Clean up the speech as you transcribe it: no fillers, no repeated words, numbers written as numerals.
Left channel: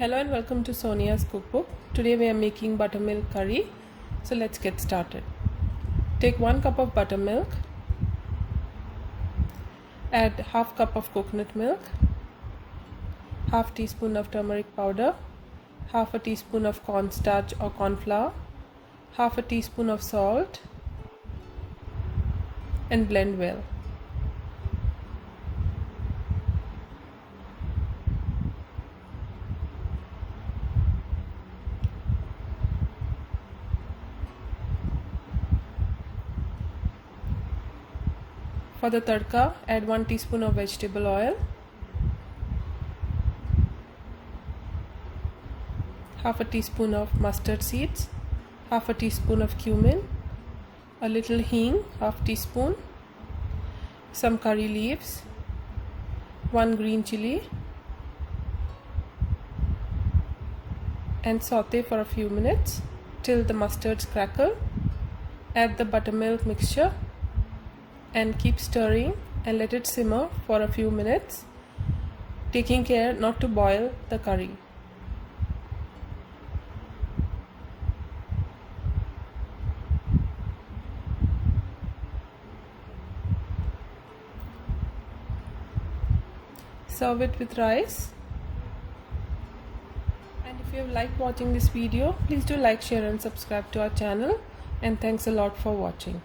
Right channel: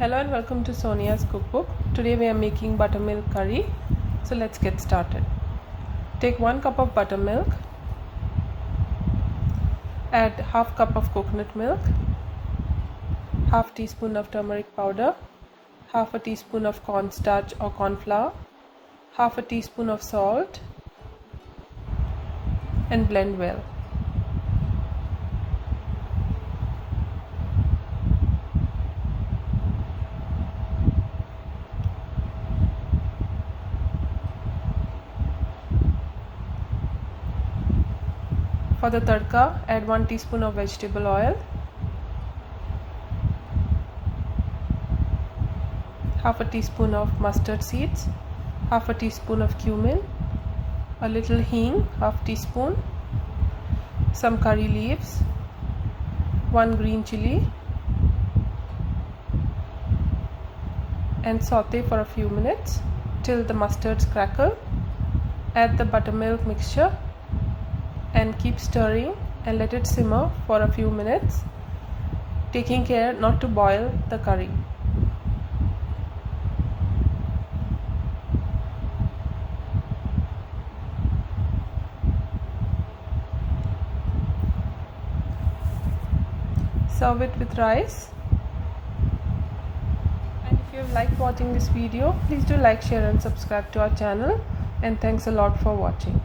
Hello and welcome to Sonia's cookbook. Today we are making buttermilk curry. So let's get started. Take 1 cup of buttermilk, add half cup of coconut milk, half teaspoon of turmeric powder, half a teaspoon of cornstarch or corn flour, half a teaspoon of salt, and blend well. For the tadka, add 1 teaspoon of vegetable oil, half a teaspoon of mustard seeds, half a teaspoon of cumin, a little hing, half teaspoon, some curry leaves, 1 green chili, and saute for a few minutes till the mustards crackle. Add the buttermilk mixture and keep stirring and let it simmer for a few minutes, taking care not to boil the curry. Serve it with rice. And if you have liked watching this video, please do like, share and subscribe to our channel, and thanks a lot for watching.